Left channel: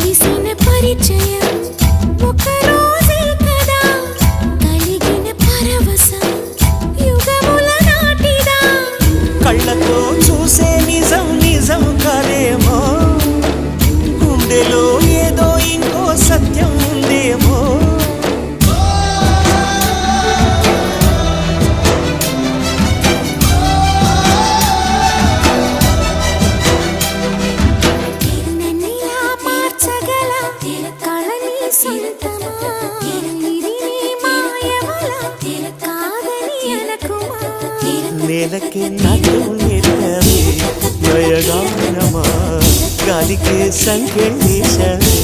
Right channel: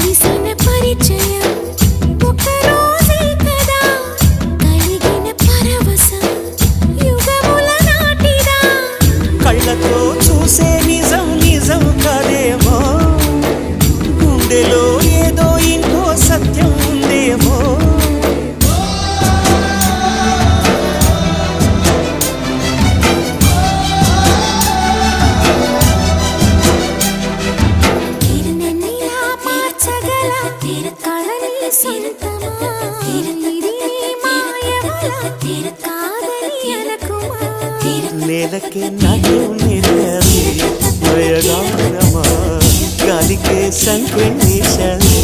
కలిసిన పరిచయం ఒక రోజే కదా కలిగిన పరవశం యుగముల నాటిదా కళ్ళతో చూసే నిజం నిజం కాదేమో గుండెలో ఏదో ఇంకో సత్యం ఉందేమో నన్నిలా మార్చగల కళని సొంతమా ఇది నీ మాయవల కాదని అనకుమా నేలకే నాట్యం నేర్పవి నయగానమా గాలికే సంకెళ్ళేశావే